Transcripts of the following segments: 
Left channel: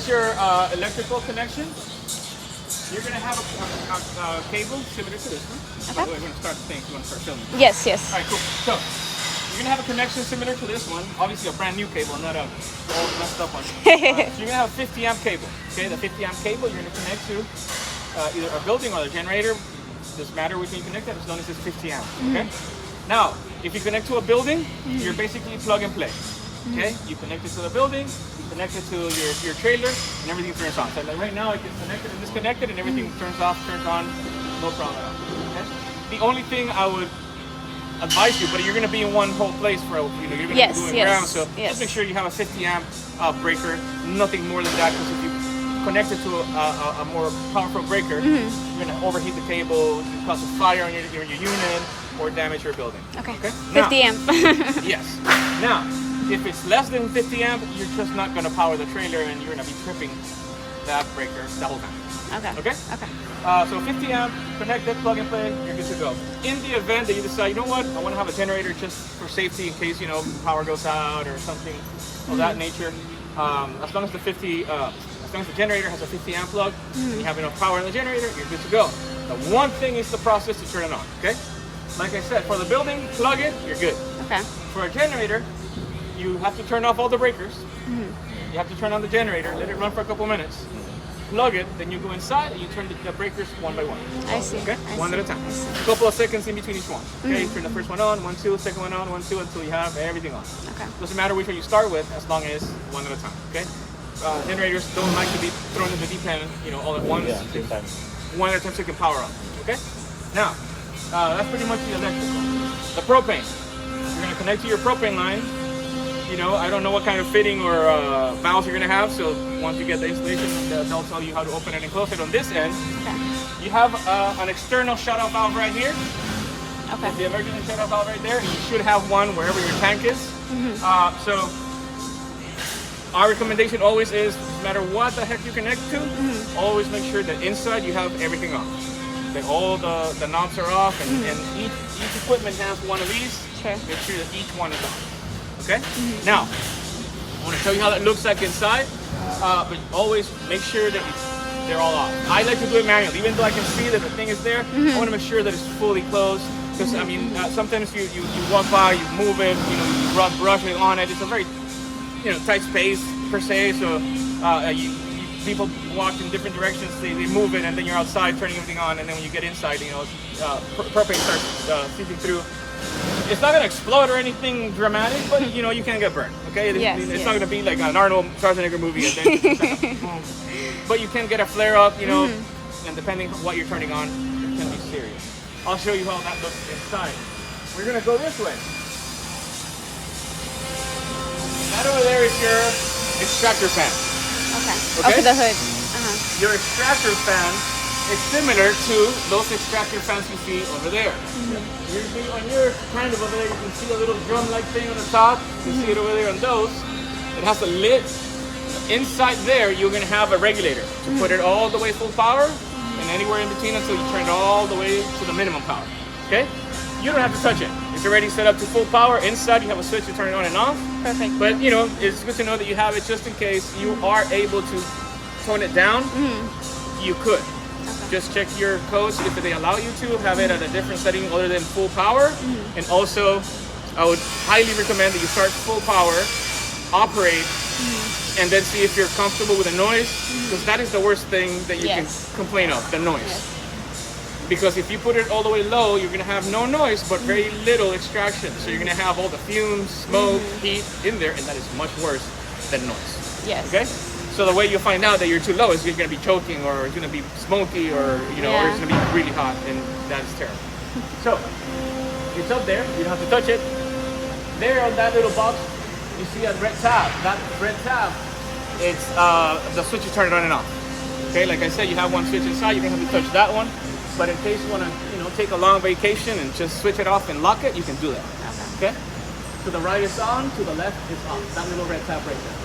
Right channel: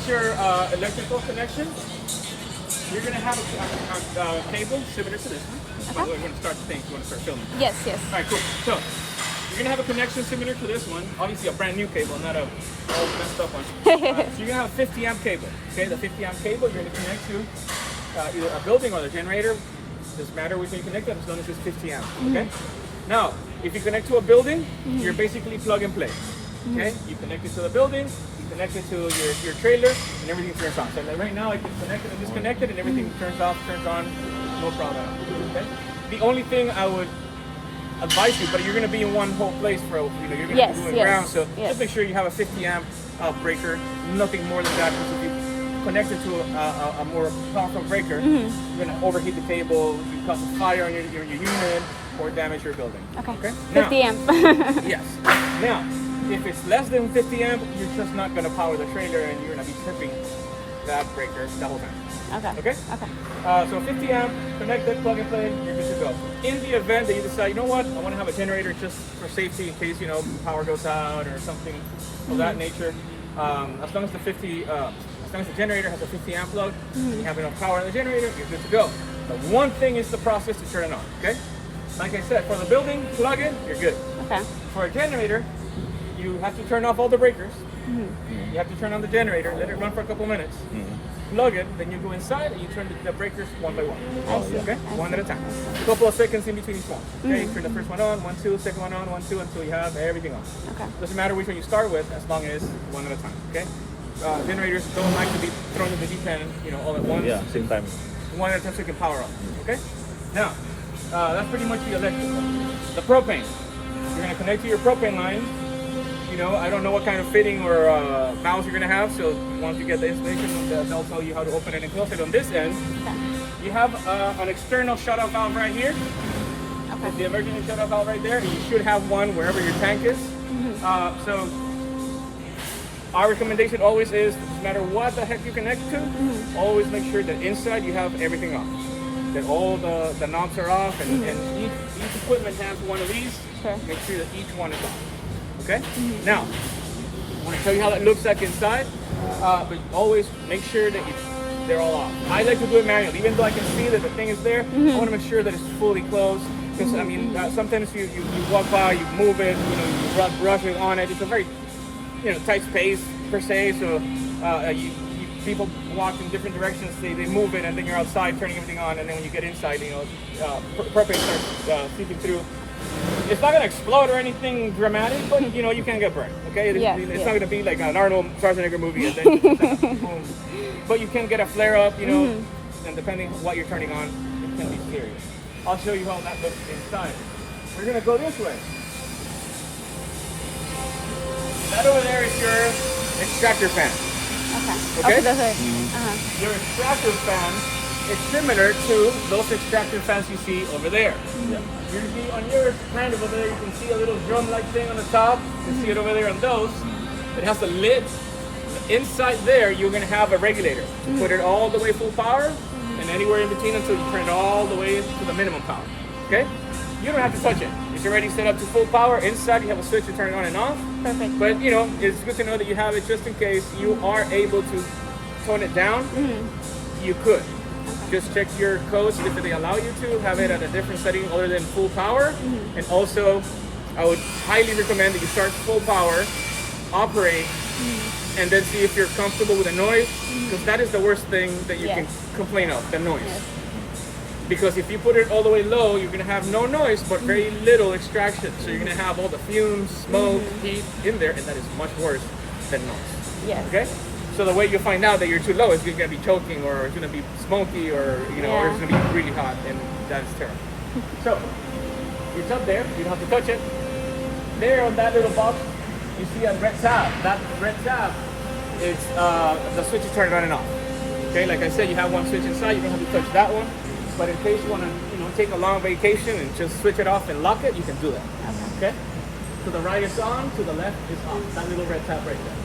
is your electrical connection. You're going to have a cable similar to this one. Okay. By the way, we're going to start the thing. You want to start filming? Yes, yes. All right, cool. So, you're going to have a connection similar to this one. Obviously, a brand new cable, not a old messed up one. So, you're going to have a 50 amp cable. Okay, the 50 amp cable you're going to connect to either a building or the generator. Doesn't matter which way you connect it as long as it's 50 amp. Okay? Now, if you connect to a building, you're basically plug and play. Okay? You connect it to the building, you connect it to your trailer, and everything turns on. So like right now, it gets connected and disconnected, and everything turns off, turns on, no problem. Okay? The only thing I would advise you, but you're going to be in one whole place for you're going to Yes, do it yes, around, so yes. just make sure you have a 50 amp breaker, nothing more than that, because if you connect it to a more powerful breaker, you're going to overheat the cable, you cause a fire in your unit, or damage your building. Okay. Now, 50 amp. yes. Now, if it's less than 50 amp, you're just not going to power the trailer, and you're going to be tripping that breaker the whole time. Okay. Okay? Okay. So 50 amp, connected, plug and play, you're good to go. In the event that you decide, you know what, I want to have a generator just for safety in case, power goes out or something of that nature. As long as the generator has a 50 amp plug, you have enough power in the generator, you're good to go. The one thing is the process to turn it on, okay? Like I said, for the building, plug it, you're good. Okay. For a generator, you have to turn off all the breakers. You have to turn on the generator, let it run for a couple minutes. Plug it, then you go inside and you turn the breakers one by one. I see. Okay? I One see. at a time. I see. A couple of seconds in between each one. Okay? Turn the first one on, 1, 2, second one on, 1, 2, until you have everything on. Okay. Doesn't matter which one you start with, as long as one at a time. Okay? Generators don't like to be thrown in the deep end, all at once. Yeah, same time. 1 at a time second power on. Okay? Now, that's pretty much the electrical. The propane. You're going to connect to your propane line. I don't know what kind of fitting or valves you're going to have, so once you get the installation, they'll tell you how to open it and close it. On this end, you have an external shut-off valve right here. Okay. The emergency shut-off valve right there. You should have one wherever your tank is. So our recommendation always is, no matter what the heck you connect to, always make sure that inside you have everything on. That all the knobs are off, and each equipment has one of these. Sure. Make sure that each one is on. Okay? Now, I want to show you how that looks like inside. But always make sure that they're all off. I like to do it manually. Even though I can see that the thing is there, I want to make sure that it's fully closed. Because, sometimes you walk by, you move it, you run brushes on it. It's a very, tight space, per se. So people walk in different directions, they move it, and then you're outside turning everything on, and then when you get inside, propane starts seeping through. It's not going to explode or anything dramatic, but you can get burned, okay? It's not going to be like an Arnold Schwarzenegger movie. But you can get a flare up, and depending on what you're turning on, it can be serious. I'll show you how that looks inside. We're going to go this way. That over there is your extractor fan. Okay. Okay? Over the hood. Your extractor fan is similar to those extractor fans you see over there. You see on yours, kind of over there, you can see a little drum-like thing on the top. You see it over there on those. It has a lid. Inside there, you're going to have a regulator to put it all the way full power, and anywhere in between until you turn it all the way to the minimum power. Okay? You don't have to touch it. It's already set up to full power. Inside, you have a switch to turn it on and off. Perfect. But, it's good to know that you have it just in case you are able to tone it down. You could. Okay. Just check your codes if they allow you to have it at a different setting other than full power. And also, I would highly recommend that you start full power, operate, and then see if you're comfortable with the noise, because that is the worst thing that you can complain of, the noise. Yes. Because if you put it all the way low, you're going to have no noise, but very little extraction. So you're going to have all the fumes, smoke, heat in there, and that is much worse than noise. Yes. Okay? So the way you find out that you're too low is you're going to be choking, or it's going to be smoky, or or it's going to be really hot, and that's terrible. So it's up there. You don't have to touch it. There on that little box, you see a red tab. That red tab, it's the switch to turn it on and off. Okay, like I said, you have one switch inside. You don't have to touch that one. But in case you want to, take a long vacation and just switch it off and lock it, you can do that. Okay. To the right it's on. To the left it's off. That little red tab right there.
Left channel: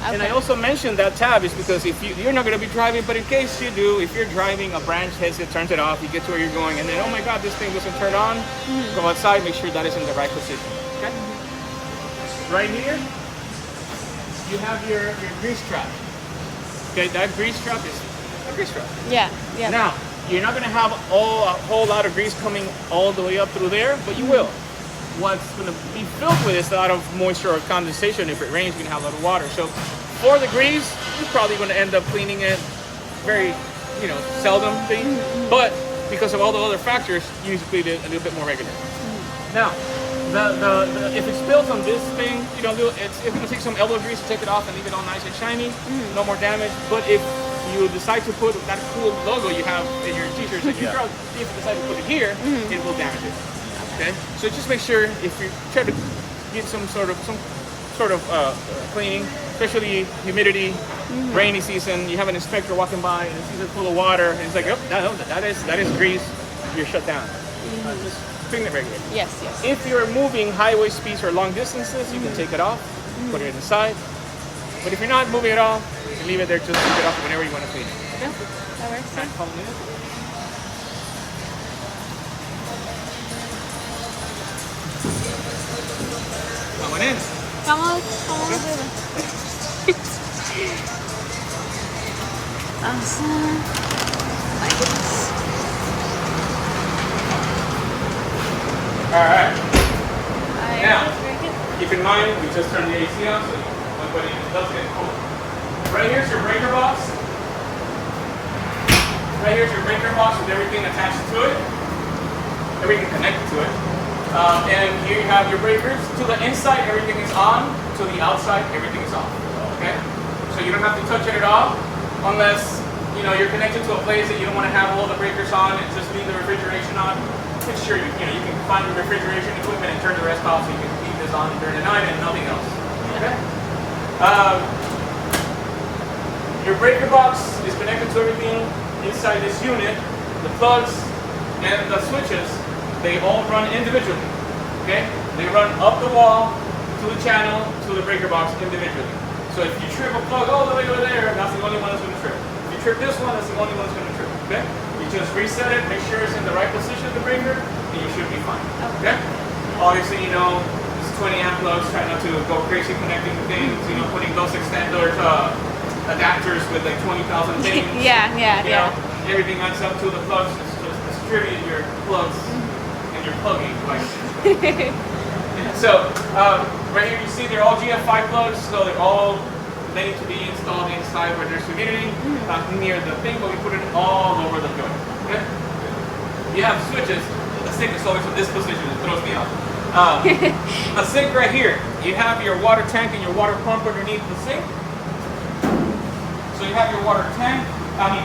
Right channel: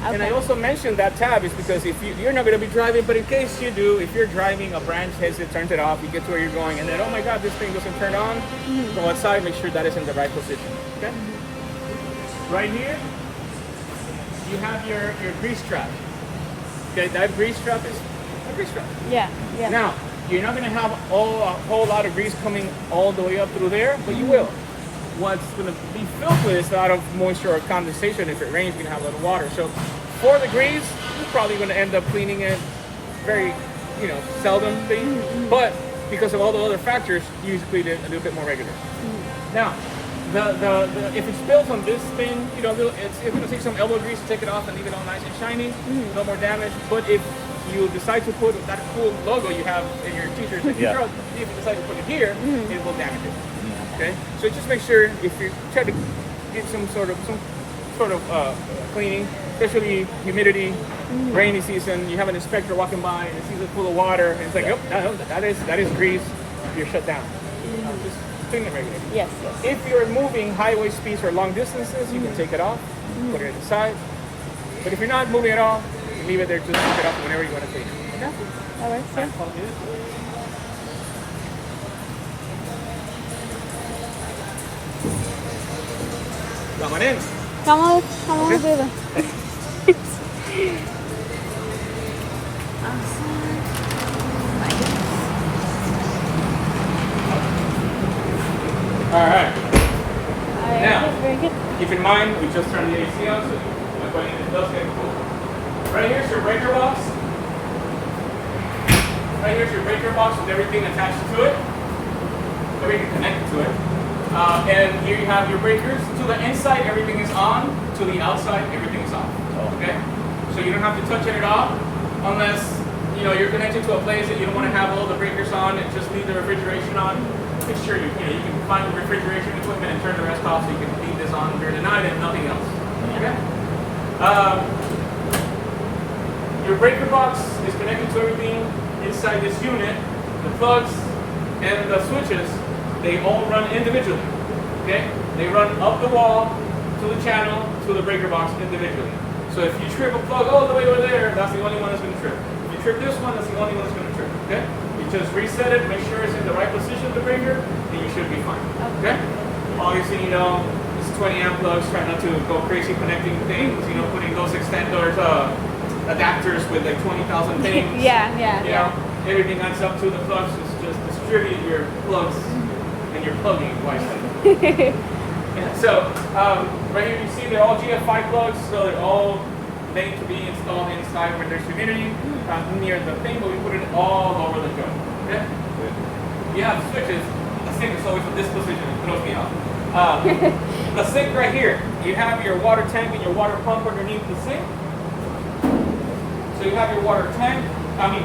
Okay. And I also mentioned that tab is because if you're not going to be driving, but in case you do, if you're driving, a branch hits it, turns it off, you get to where you're going, and then, oh my God, this thing doesn't turn on, go outside, make sure that is in the right position. Okay? Right here, you have your grease trap. Okay, that grease trap is a grease trap. Yeah, yeah. Now, you're not going to have a whole lot of grease coming all the way up through there, but you will. What's going to be filled with is a lot of moisture or condensation. If it rains, you're going to have a lot of water. So for the grease, you're probably going to end up cleaning it very, seldom. But because of all the other factors, you need to clean it a little bit more regular. Now, the if it spills on this thing, it's going to take some elbow grease to take it off and leave it all nice and shiny. No more damage. But if you decide to put that cool logo you have in your t-shirts and your throat, if you decide to put it here, it will damage it. Okay. So just make sure if you try to get some sort of cleaning, especially humidity, rainy season, you have an inspector walking by and sees a pool of water and it's like, that is grease. You're shut down. Just clean it regularly. Yes. If you're moving highway speeds or long distances, you can take it off, put it in the side. But if you're not moving at all, leave it there, just take it off whenever you want to clean it. Okay, that works. Yeah. Come on in. Come on, baby. Awesome. My goodness. All right. Now, keep in mind, we just turned the AC on, so it does get cold. Right here's your breaker box. Right here's your breaker box with everything attached to it. Everything connected to it. And here you have your breakers. To the inside, everything is on. To the outside, everything is off. Okay? So you don't have to touch it at all unless you're connected to a place that you don't want to have all the breakers on and just leave the refrigeration on. Make sure you can find the refrigeration equipment and turn the rest off so you can leave this on during the night and nothing else. Okay? Your breaker box is connected to everything inside this unit. The plugs and the switches, they all run individually. Okay? They run up the wall to the channel to the breaker box individually. So if you trip a plug all the way over there, that's the only one that's going to trip. If you trip this one, that's the only one that's going to trip. Okay? You just reset it, make sure it's in the right position of the breaker, and you should be fine. Okay? Obviously, this 20 amp plugs, try not to go crazy connecting things, putting those extenders, adapters with like 20,000 things. Yeah. Everything adds up to the plugs. Just distribute your plugs and your plugging wisely. So right here you see they're all GF5 plugs, so they're all ready to be installed inside where there's humidity, not near the thing, but we put it all over the gun. Okay? You have switches. The sink is always in this position. It throws me off. The sink right here. You have your water tank and your water pump underneath the sink. So you have your water tank,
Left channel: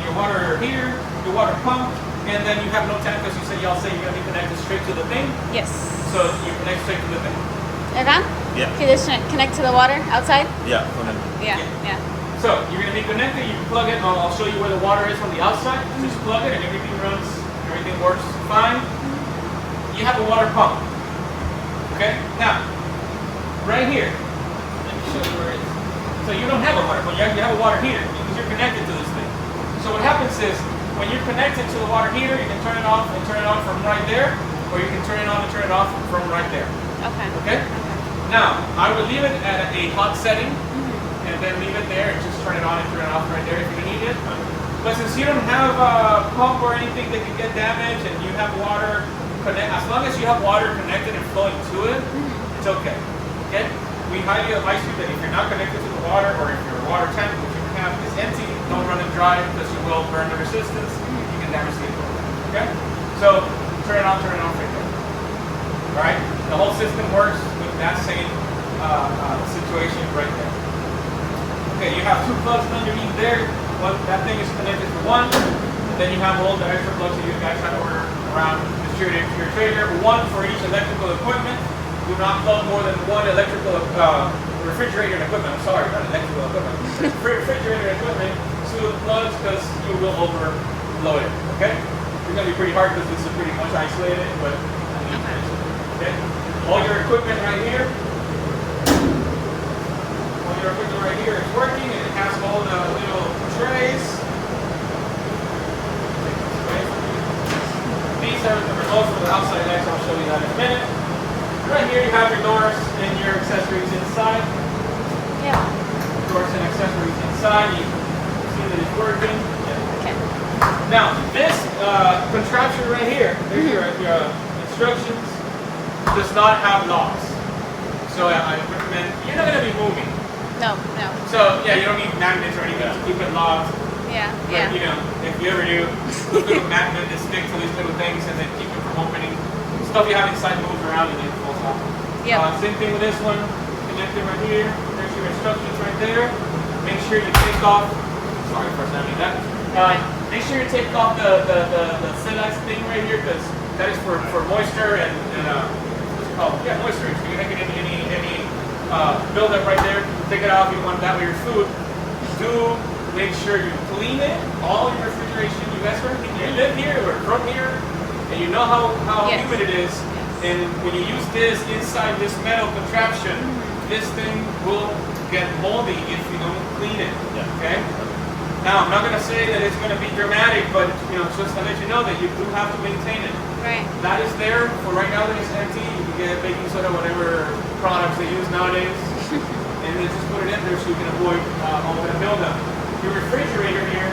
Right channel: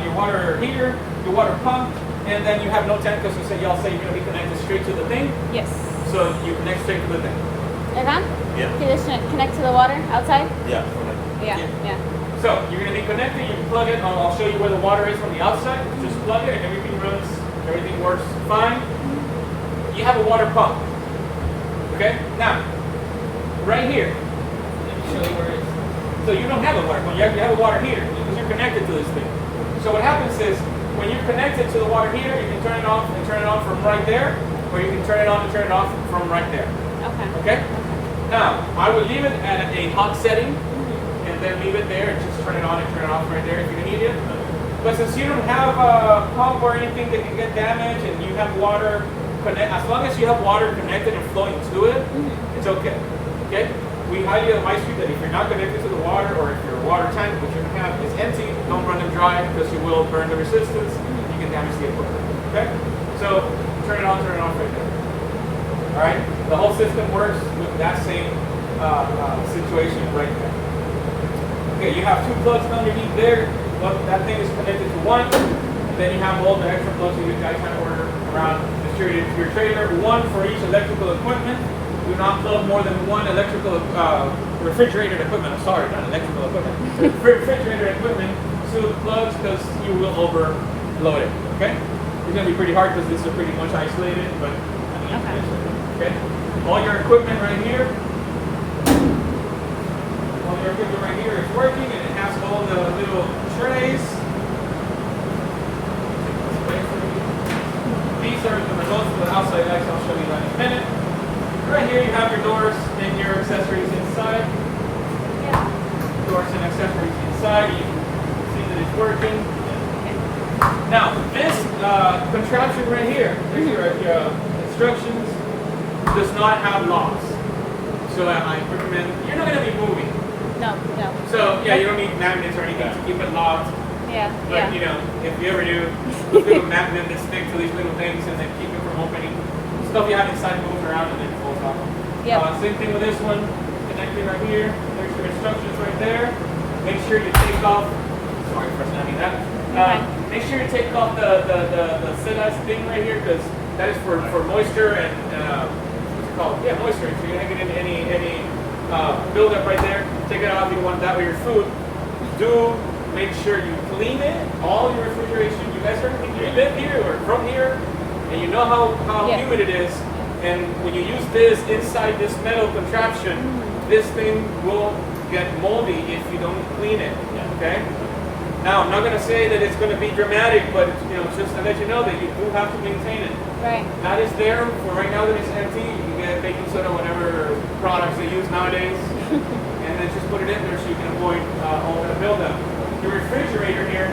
your water heater, your water pump, and then you have no tank because y'all say you're going to be connected straight to the thing. Yes. So you connect straight to the thing. Evan? Yeah. Can you just connect to the water outside? Yeah. Yeah. So you're going to be connected, you can plug it, I'll show you where the water is on the outside. Just plug it and everything runs, everything works fine. You have a water pump. Okay? Now, right here, let me show you where it is. So you don't have a water pump, you have a water heater because you're connected to this thing. So what happens is, when you're connected to the water heater, you can turn it off and turn it off from right there, or you can turn it on and turn it off from right there. Okay? Now, I would leave it at a hot setting, and then leave it there and just turn it on and turn it off right there if you need it. But since you don't have a pump or anything that can get damaged, and you have water as long as you have water connected and flowing to it, it's okay. Okay? We highly advise you that if you're not connected to the water, or if your water tank that you have is empty, don't run it dry because you will burn the resistance. You can damage the equipment. Okay? So turn it on, turn it off right there. All right? The whole system works with that same situation right there. Okay, you have two plugs underneath there. That thing is connected to one. And then you have all the extra plugs that you guys have ordered around distributed to your trailer. One for each electrical equipment. Do not plug more than one electrical refrigerated equipment. I'm sorry, not electrical equipment. Refrigerated equipment to the plugs because you will overload it. Okay? It's going to be pretty hard because this is pretty much isolated, but okay. All your equipment right here. All your equipment right here is working, and it has all the little trays. These are the results for the outside lights. I'll show you that in a minute. Right here you have your doors and your accessories inside. Yeah. Doors and accessories inside. You see Now, this contraption right here, here's your instructions, does not have locks. So I recommend, you're not going to be moving. No, no. So yeah, you don't need magnets or anything to keep it locked. Yeah, But, yeah. you know, if you ever do, those little magnets that stick to these little things and then keep it from opening. Stuff you have inside moves around and then it falls off. Yep. Same thing with this one. Connected right here. There's your instructions right there. Make sure you take off. Sorry for sounding that. Make sure you take off the silicone thing right here because that is for moisture and what's it called? Yeah, moisture. So you don't get any buildup right there. Take it off. You don't want that with your food. Do make sure you clean it. All your refrigeration. You guys you live here or from here, and you know how Yes. humid it is. Yes. And when you use this inside this metal contraption, this thing will get moldy if you don't clean it. Okay. Now, I'm not going to say that it's going to be dramatic, but just to let you know that you do have to maintain it. Right. That is there for right now that it's empty. You can get baking soda, whatever products they use nowadays, and then just put it in there so you can avoid all that buildup. Your refrigerator here,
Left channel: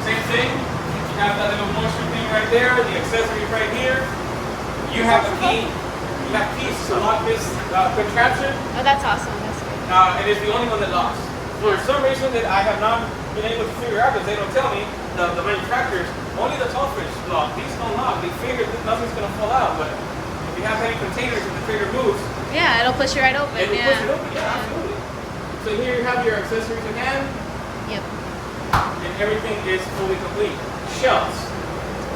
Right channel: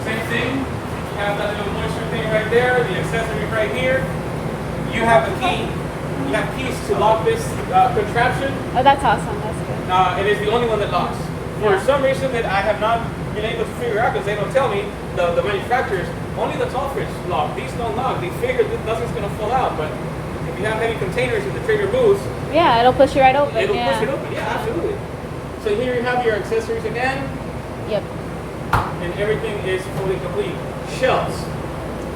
same thing. You have that little moisture thing right there, the accessories right here. You have a key. You have keys to lock this contraption. Oh, that's awesome. That's good. It is the only one that locks. For some reason that I have not been able to figure out because they don't tell me, the manufacturers, only the tall fridge lock. These don't lock. They figure that nothing's going to fall out. But if you have heavy containers and the trigger moves, Yeah, it'll push you right open. it'll Yeah. push it open. Yeah, absolutely. So here you have your accessories again, Yep. and everything is fully complete. Shelves.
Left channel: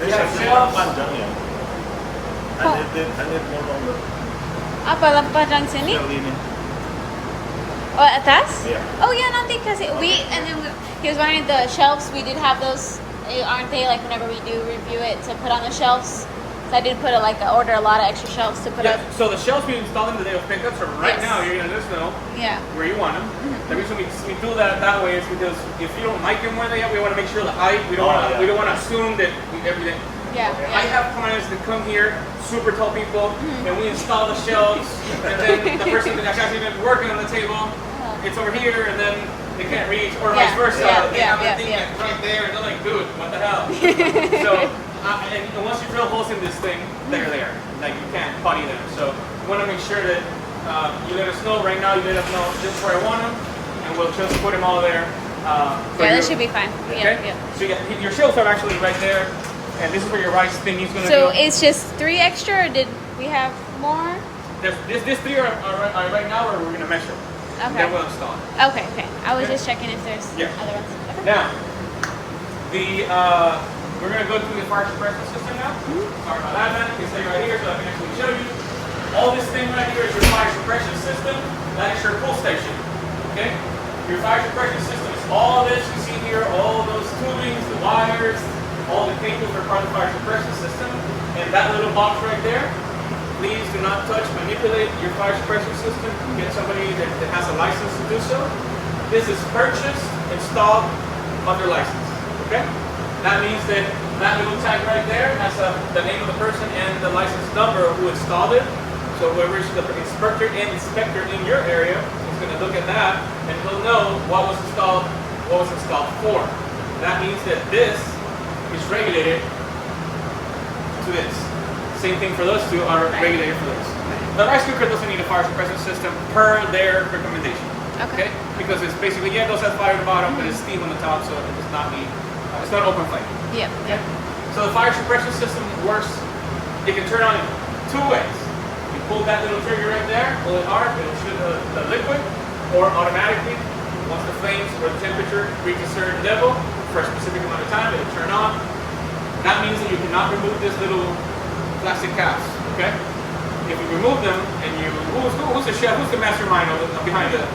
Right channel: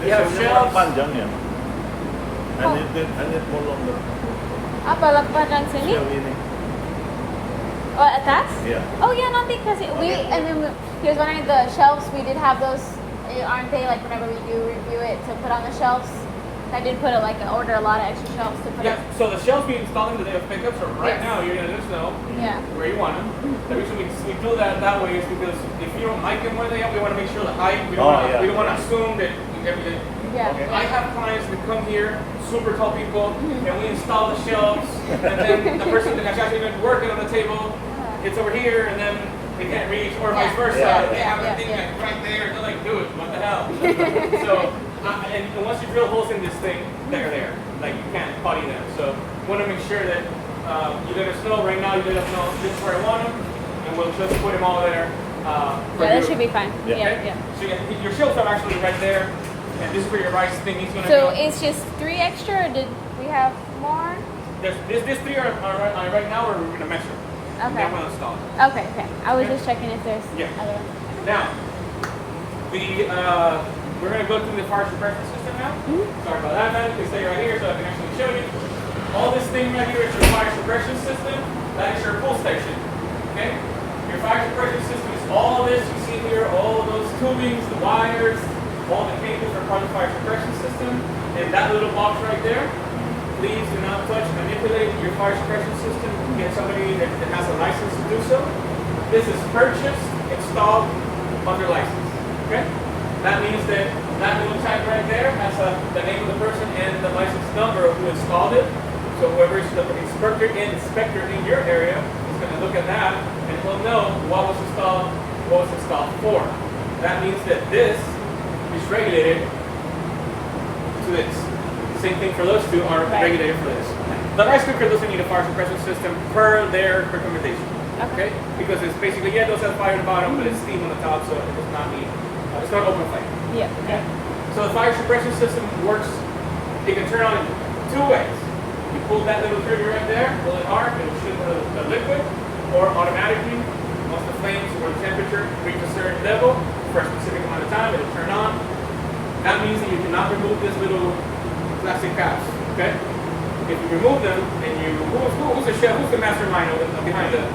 You have shelves. Panjang ya. Oh. I need more longer. Apa lapang sini? Shell ini. Oh, atas? Yeah. Oh yeah, nanti kasi he was wondering the shelves. We did have those, aren't they? Like whenever we do review it to put on the shelves. So I did order a lot of extra shelves to put Yeah, up. so the shelves we installed in the day of pickup, so right Yes. now you're going to just know Yeah. where you want them. The reason we do that way is because if you don't like them where they are, we want to make sure the height. We don't Oh, yeah. we don't want to assume that everything. Yeah. I have clients that come here, super tall people, and we install the shelves, and then the person that's actually been working on the table, it's over here, and then they can't reach, or vice Yeah, versa. yeah, They yeah, have a yeah, thing yeah. like right there, and they're like, dude, what the hell? So, and once you drill holes in this thing, they're there. Like you can't potty them. So you want to make sure that you let us know. Right now, you let us know just where I want them, and we'll just put them all there. For Yeah, that you. should be fine. Yeah, Okay? yeah. So your shelves are actually right there, and this is for your rice thing. He's gonna So do. it's just 3 extra, or did we have more? This three are right now, or we're gonna measure. Okay. Then we'll install. Okay, okay. I was Okay. just checking if there's Yeah. other ones. Okay. Now, we're gonna go through the fire suppression system now. Sorry about that, man. You can stay right here so I can actually show you. All this thing right here is your fire suppression system. That is your pull station. Okay? Your fire suppression system is all this you see here, all of those tubings, the wires, all the cables are part of the fire suppression system. And that little box right there, please do not touch, manipulate your fire suppression system. Get somebody that has a license to do so. This is purchased, installed, under license. Okay? That means that little tag right there has the name of the person and the license number who installed it. So whoever is the inspector in your area is going to look at that and he'll know what was installed for. That means that this is regulated to this. Same thing for those two are Right. regulated for this. The rice cooker doesn't need a fire suppression system per their recommendation. Okay. Because it's basically, yeah, it does have fire at the bottom, but it's steam on the top, so it does not need, it's not open flame. Yep, yep. So the fire suppression system works, you can turn on it 2 ways. You pull that little trigger right there, pull it hard, it'll shoot the liquid, or automatically, once the flames or the temperature reach a certain level, for a specific amount of time, it'll turn on. That means that you cannot remove this little plastic caps, okay? If you remove them, and who's the chef, who's the mastermind behind that?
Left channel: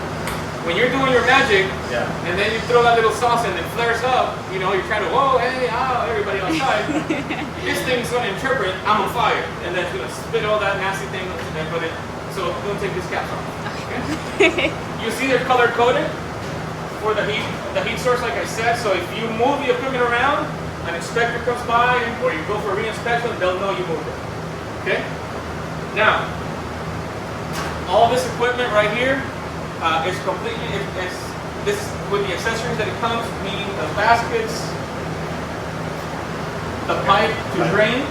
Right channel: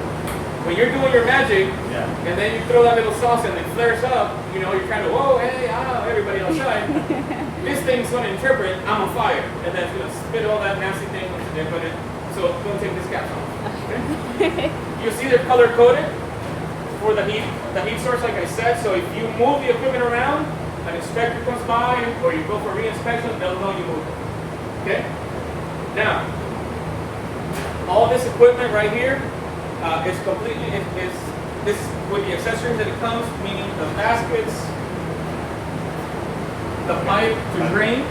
When you're doing your magic, Yeah. and then you throw that little sauce in and it flares up, you're trying to, whoa, hey, everybody outside. This thing's going to interpret, I'm on fire. And then it's going to spit all that nasty thing and put it. So don't take this cap off. Okay? You see they're color coded for the heat source, like I said. So if you move the equipment around, an inspector comes by, or you go for a re-inspection, they'll know you moved it. Okay? Now, all this equipment right here, it's completely, it's this with the accessories that it comes, meaning the baskets, the pipe to drain,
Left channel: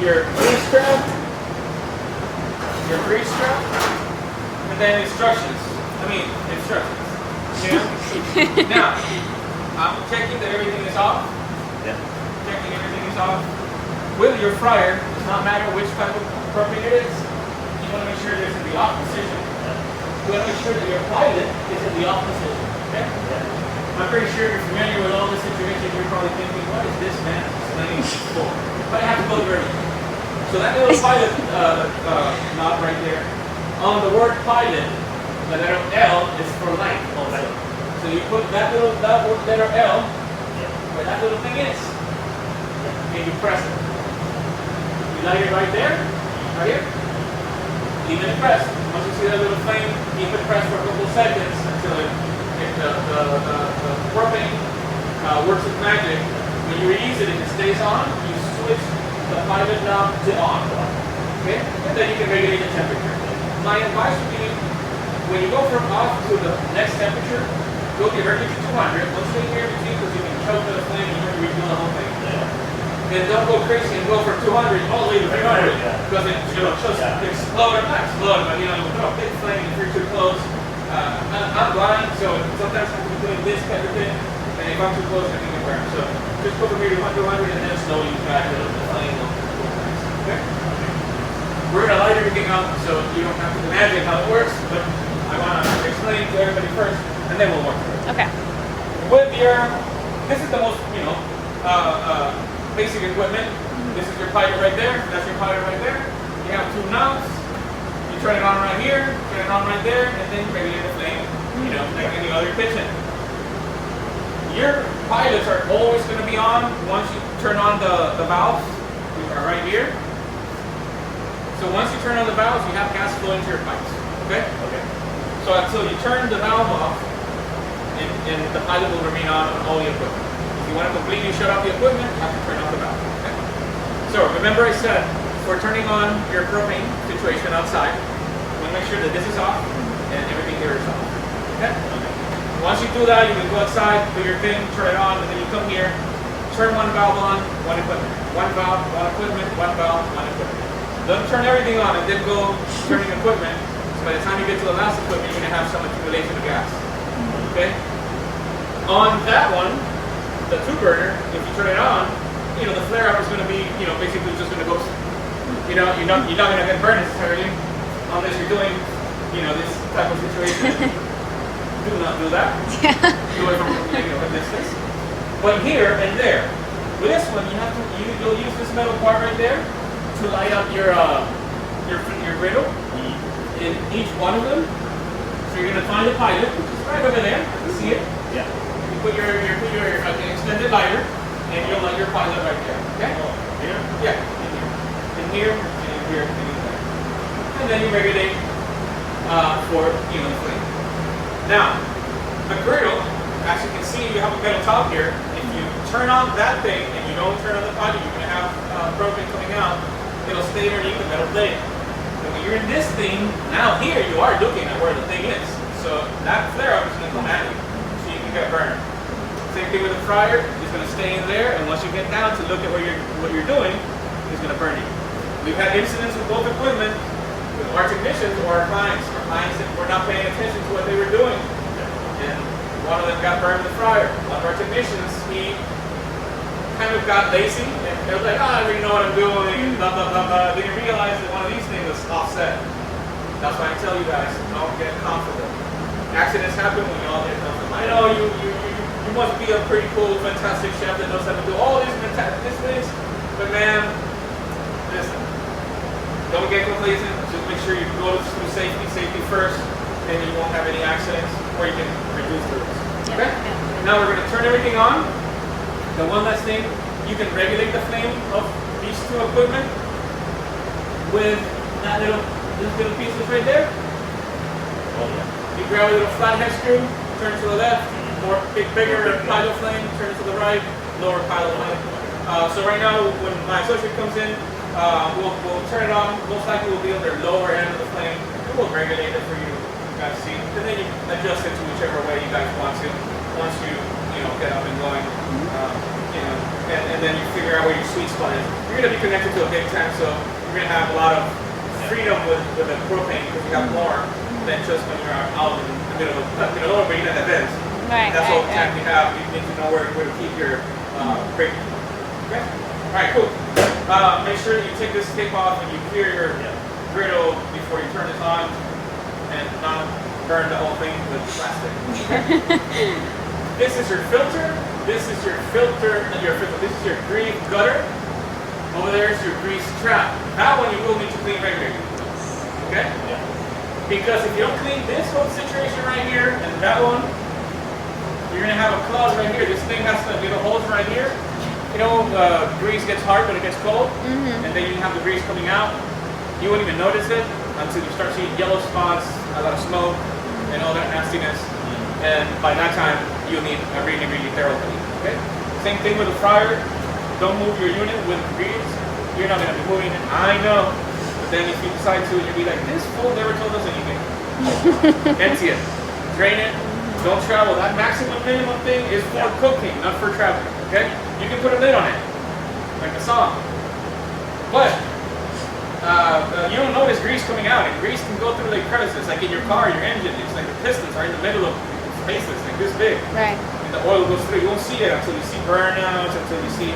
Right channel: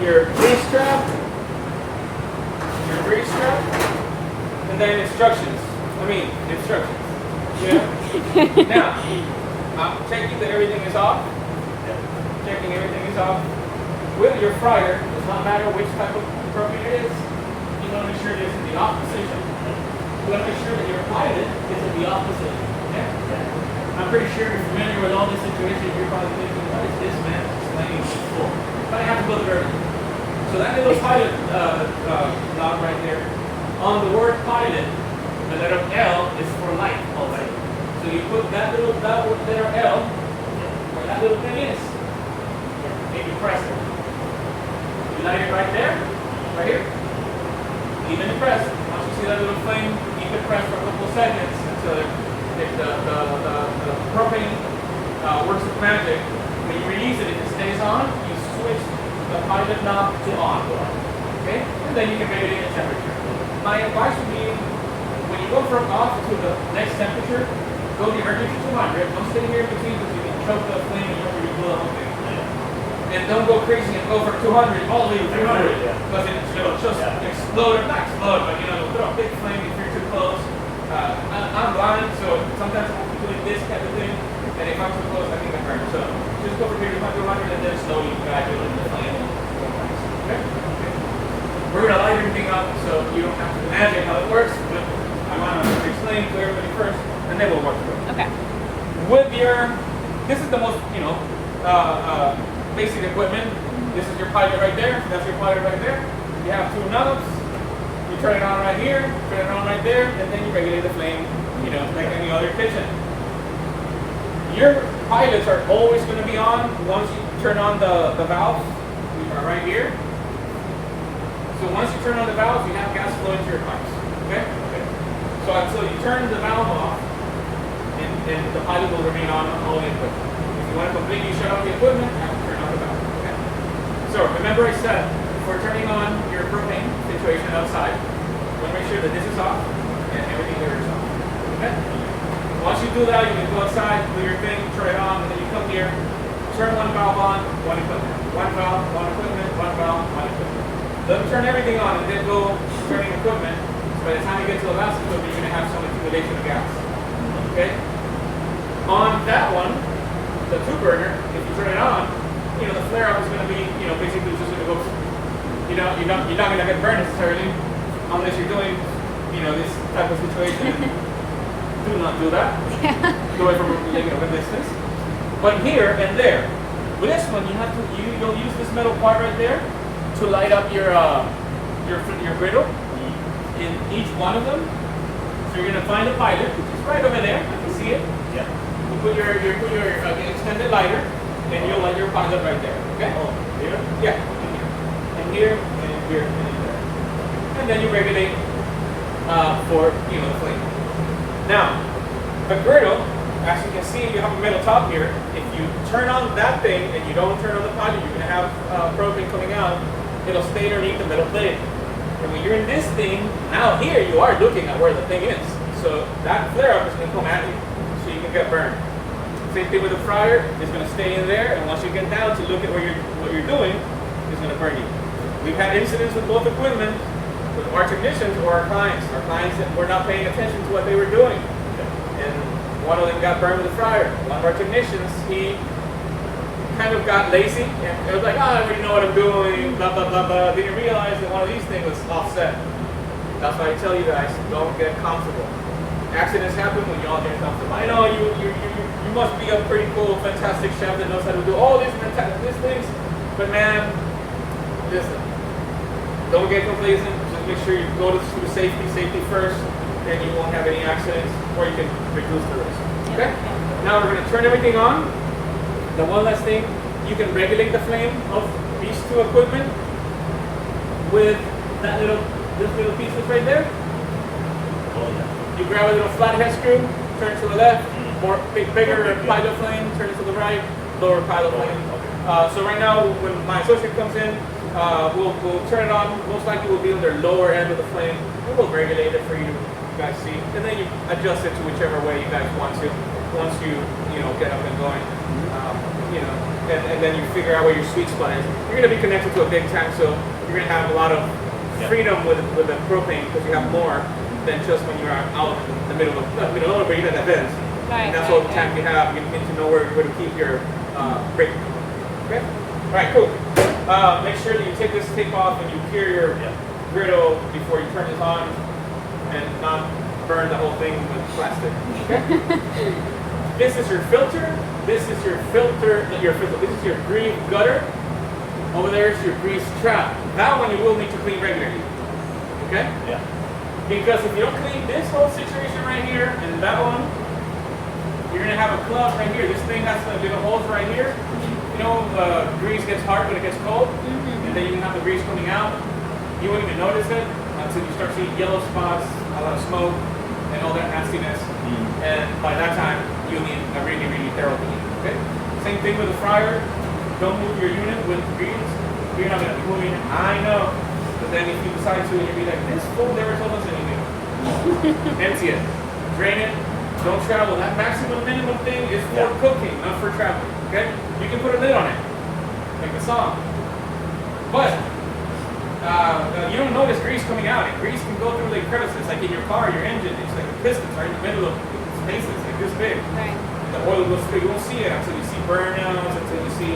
your grease strap, and then instructions. Instructions. Yeah. Now, I'm checking that everything is off. Yeah. Checking everything is off. With your fryer, it does not matter which type of propane it is. You want to make sure it's in the off position. You want to make sure that your pilot is in the off position. Okay? I'm pretty sure you're familiar with all this situation. You're probably thinking, what is this man explaining for? But I have to go to everything. So that little pilot knob right there, on the word pilot, the letter L is for light. So you put that letter L where that little thing is, and you press it. You light it right there, right here. Leave it pressed. Once you see that little flame, keep it pressed for a couple of seconds until if the propane works its magic. When you release it, if it stays on, you switch the pilot knob to on. Okay? And then you can regulate the temperature. My advice would be, when you go from off to the next temperature, go directly to 200. Don't stay here in between because you can choke the flame and you can refill the whole thing. And don't go crazy and go from 200 all the way to 300 because it'll just explode. Not explode, but put a big flame if you're too close. I'm blind, so sometimes I'm doing this kind of thing, and if I'm too close, I can get burned. So just go from maybe 100 and then slowly back a little bit flame. Okay? We're going to light everything up so you don't have to imagine how it works, but I want to explain to everybody first, and then we'll work through it. Okay. With this is the most, basic equipment. This is your pilot right there. That's your pilot right there. You have two knobs. You turn it on right here, turn it on right there, and then you regulate the flame, like any other kitchen. Your pilots are always going to be on once you turn on the valves, which are right here. So once you turn on the valves, you have gas flowing to your pipes. Okay? So until you turn the valve off, and the pilot will remain on all the equipment. If you want to completely shut off the equipment, you have to turn off the valve. Okay? So remember I said, for turning on your propane situation outside, you want to make sure that this is off and everything there is off. Okay? Once you do that, you can go outside, do your thing, turn it on, and then you come here, turn one valve on, one equipment. One valve, one equipment, one valve, one equipment. Don't turn everything on and then go turning equipment. So by the time you get to the last equipment, you're going to have some accumulation of gas. Okay? On that one, the 2-burner, if you turn it on, the flare up is going to be, basically just going to go. You're not going to get burned necessarily unless you're doing, this type of situation. Do not do that. Do it from a distance. But here and there, with this one, you'll use this metal part right there to light up your griddle in each one of them. So you're going to find the pilot, which is right over there. You see it? Yeah. You put your extended lighter, and you'll light your pilot right there. Okay? Oh, here? Yeah. And here, and here, and there. And then you regulate for the flame. Now, the griddle, as you can see, you have a metal top here. If you turn on that thing and you don't turn on the pilot, you're going to have propane coming out. It'll stay underneath the metal plate. And when you're in this thing, now here you are looking at where the thing is. So that flare up is going to come at you, so you can get burned. Same thing with the fryer, it's going to stay in there, and once you get down to look at what you're doing, it's going to burn you. We've had incidents with both equipment, with our technicians or our clients. Our clients that were not paying attention to what they were doing. And one of them got burned with the fryer. One of our technicians, he kind of got lazy. And it was like, I already know what I'm doing, blah, blah, blah, blah. Didn't realize that one of these things was offset. That's why I tell you guys, don't get comfortable. Accidents happen when you all get comfortable. I know you must be a pretty cool, fantastic chef that knows how to do all these fantastic things, but man, listen, don't get complacent. Just make sure you go through safety first, and you won't have any accidents, or you can reduce the risk. Okay? Yeah. Now we're going to turn everything on. The one last thing, you can regulate the flame of these two equipment with this little pieces right there. Oh, yeah. You grab a little flathead screw, turn to the left, more bigger pilot flame, turn to the right, lower pilot flame. So right now, when my associate comes in, we'll turn it on. Most likely we'll be on the lower end of the flame. We will regulate it for you you guys see, and then you adjust it to whichever way you guys want to. Once you get up and going, and then you figure out where your sweet spot is. You're going to be connected to a big tank, so you're going to have a lot of freedom with the propane because you have more than just when you're out in the middle of where you have that vents. Right. That's all the tank you have. You need to know where to keep your brake. Okay. All right. Cool. Make sure that you take this tape off and you clear your griddle before you turn this on, and not burn the whole thing with plastic. Okay. This is your filter. This is your filter. This is your grease gutter. Over there is your grease trap. That one you will need to clean regularly. Okay? Yeah. Because if you don't clean this whole situation right here and that one, you're gonna have a clog right here. This thing has to do the holes right here. Grease gets hard when it gets cold, and then you have the grease coming out. You won't even notice it until you start seeing yellow spots, a lot of smoke, and all that nastiness. And by that time, you'll need a really, really thorough clean. Okay? Same thing with the fryer. Don't move your unit with grease. You're not going to be moving it. I know. But then if you decide to, you'll be like, this fool never told us anything. Empty it. Drain it. Don't travel. That maximum minimum thing is for cooking, not for travel. Okay? You can put a lid on it, like a song. But you don't notice grease coming out. And grease can go through like crevices, like in your car, your engine. It's like the pistons right in the middle of spaces, like this big. Right. And the oil goes through. You won't see it until you see burnouts, until you see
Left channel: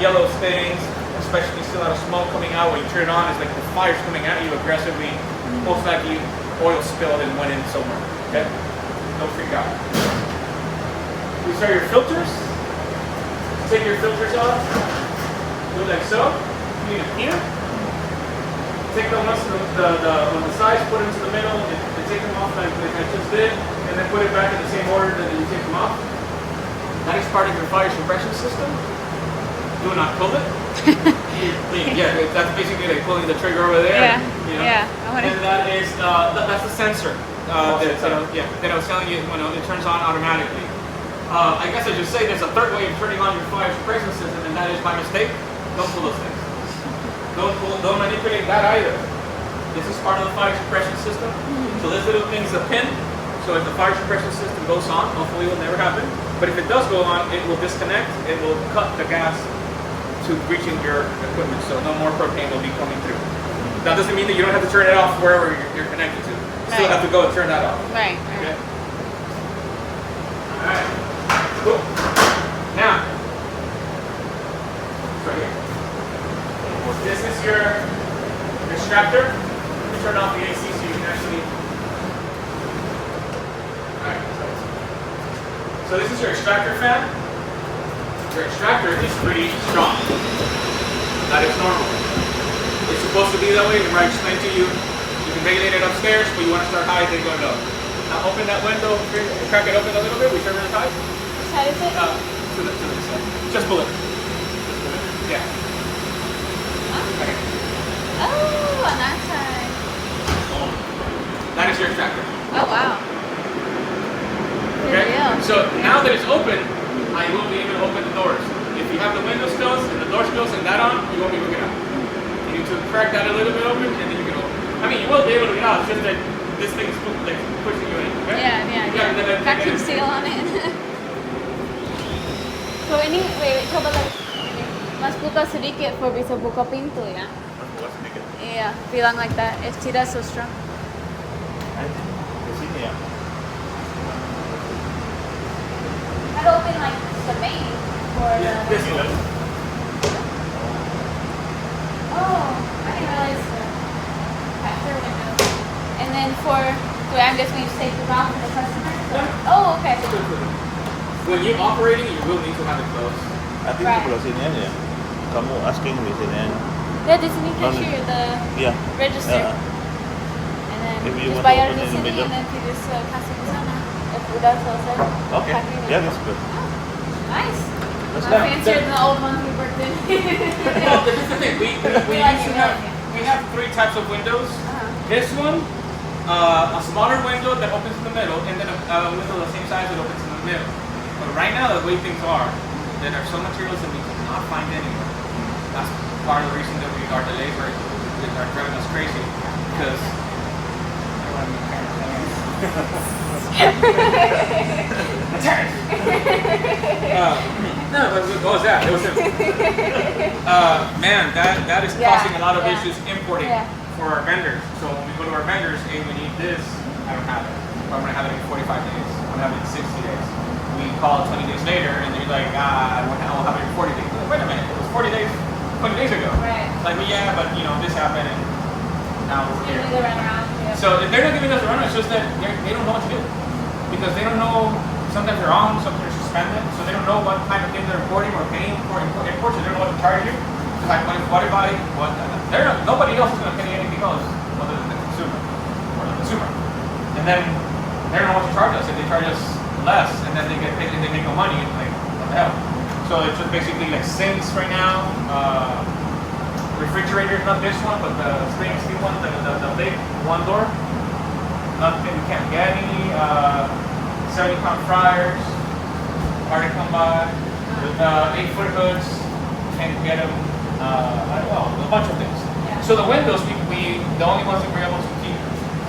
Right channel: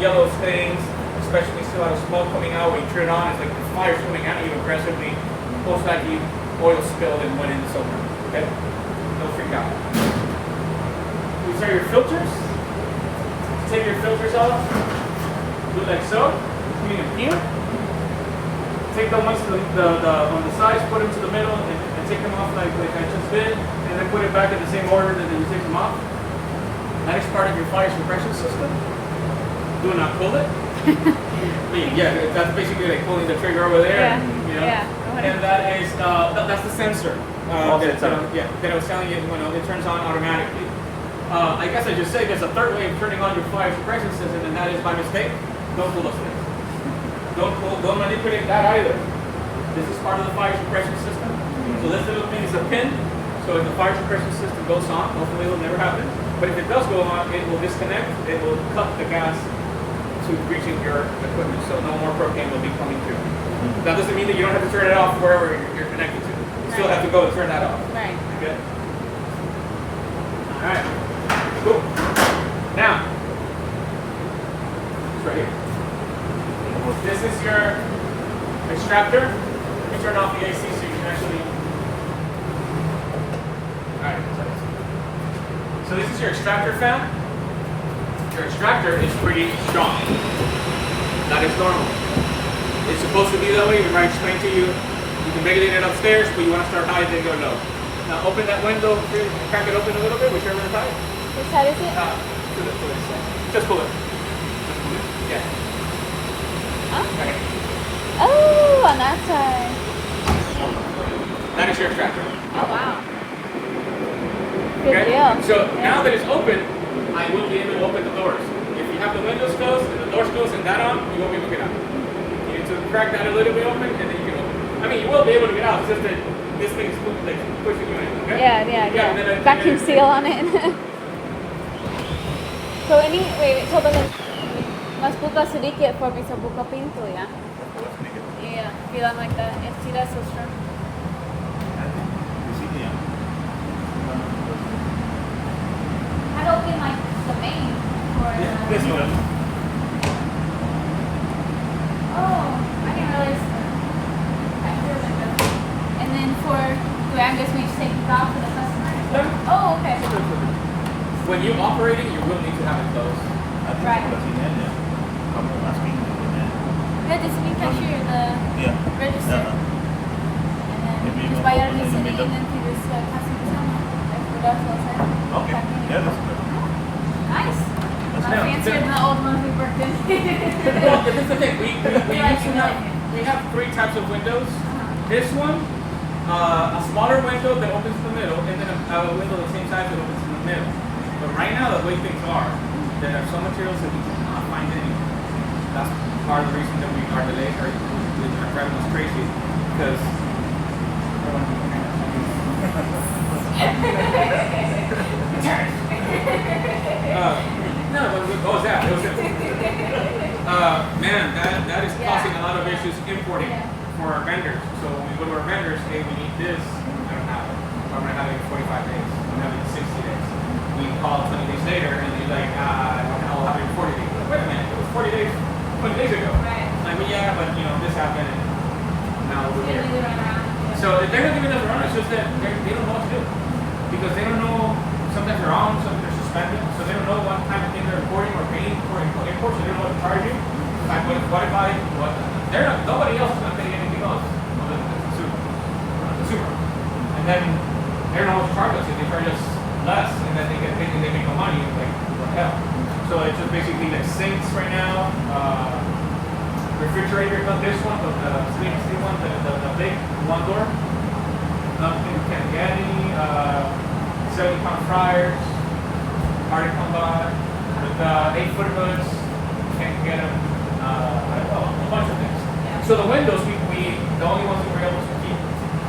yellow stains, especially when you see a lot of smoke coming out. When you turn it on, it's like the fire's coming at you aggressively. Most likely oil spilled and went in somewhere. Okay? Don't freak out. These are your filters. Take your filters off. Do it like so. Putting them here. Take the ones on the sides, put them to the middle, and take them off like I just did, and then put it back in the same order that you take them off. That is part of your fire suppression system. Do not pull it. That's basically like pulling the trigger over there. Yeah. And that is that's the sensor that I was telling you when it turns on automatically. I guess I should say there's a third way of turning on your fire suppression system, and that is by mistake. Don't pull those things. Don't manipulate that either. This is part of the fire suppression system. So this little thing is a pin. So if the fire suppression system goes on, hopefully it will never happen. But if it does go on, it will disconnect. It will cut the gas to reaching your equipment. So no more propane will be coming through. That doesn't mean that you don't have to turn it off wherever you're connected to. You still have to go and turn that off. Right. Okay. All right. Cool. Now, it's right here. This is your extractor. You turn off the AC so you can actually. Alright. So this is your extractor fan. Your extractor is pretty strong. That is normal. It's supposed to be that way. Remember I explained to you. You can regulate it upstairs, but you want to start high and then go low. Now open that window, crack it open a little bit, whichever is high. Which side is it? To this side. Just pull it. Yeah. Huh? Okay. Oh, on that side. That is your extractor. Oh, wow. Good Okay? deal. So now that it's open, I will be able to open the doors. If you have the windows closed and the doors closed and that on, you won't be able to get out. You need to crack that a little bit open and then you can open. I mean, you will be able to get out, it's just that this thing's like pushing you in. Okay? Yeah. Vacuum seal on it. So wait, so mas buka sedikit for bisa buka pintu ya. Yeah, bilang like that. See, that's so strong. That open like the main or This one. Oh, I didn't realize. And then I'm guessing you take it off for the customer. Oh, okay. When you're operating, you will need to have it closed. I think Right. sebelah sini aja. Kamu asking di sini. Yeah, this is cashier, the Yeah. register. Yeah. And then If you just want bayar to open di in the sini middle. and then you just kasih ke sana. Udah selesai. Okay. Packing it. Yeah, that's good. Nice. That's So now- fancy than the old one we worked in. Well, this is the thing. We like used to it. we have three types of windows. This one, a smaller window that opens in the middle, and then a window the same size that opens in the middle. But right now, the way things are, there are some materials that we cannot find anywhere. That's part of the reason that our delays are driving us crazy. Because No, what was that? It was man, that is causing a lot of issues importing for our vendors. So when we go to our vendors, hey, we need this. I don't have it. I'm gonna have it in 45 days. I'm gonna have it in 60 days. We call it 20 days later, and they're like, I'll have it in 40 days. Wait a minute, it was 40 days, 20 days ago. Right. It's like, well, yeah, but this happened, and now we're here. They run around. So if they're not giving us a run, it's just that they don't know what to do. Because they don't know, sometimes they're wrong, sometimes they're suspended, so they don't know what kind of thing they're importing or paying for imports, so they don't know what to charge you. It's like, what if nobody else is going to pay anything else other than the consumer. And then they don't know what to charge us, and they charge us less, and then they get paid and they make no money, like, what the hell. So it's just basically like sinks right now, refrigerators, not this one, but the stainless steel one, the big one door. Nothing, we can't get any 70-pound fryers, hard to come by. With 8-foot hoods, can't get them. I don't know, a bunch of things. Yeah. So the windows, the only ones that we're able to keep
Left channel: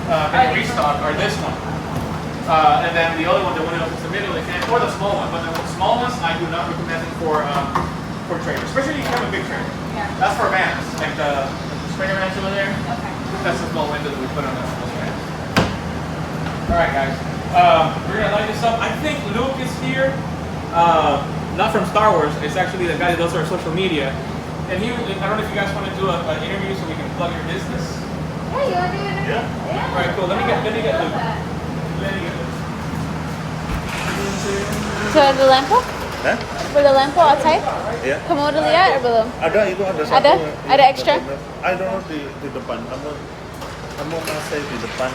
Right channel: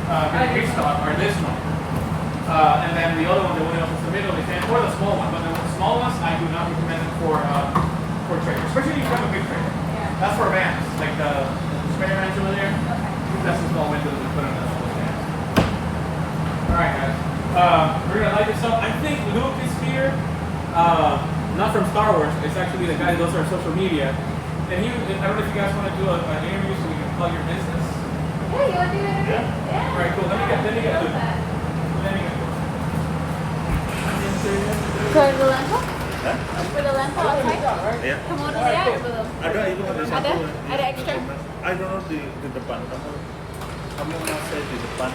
getting restocked are this one. And then the other one, the one that's in the middle, or the small one. But the small ones, I do not recommend them for trailers, especially if you have a big trailer. Yeah. That's for vans, like the sprayer rental in there. Okay. That's the small windows we put on those vans. Alright guys, we're gonna light this up. I think Luke is here, not from Star Wars, it's actually the guy that does our social media. And I don't know if you guys want to do an interview so we can plug your business. Yeah, you want to do it? Yeah. Alright, cool, let me get Luke. So the lampu? Hah? For the lampu outside? Ya. Kamu udah lihat belum? Ada itu ada satu. Ada? yang Ada extra? I don't know di depan. Kamu masih di depan.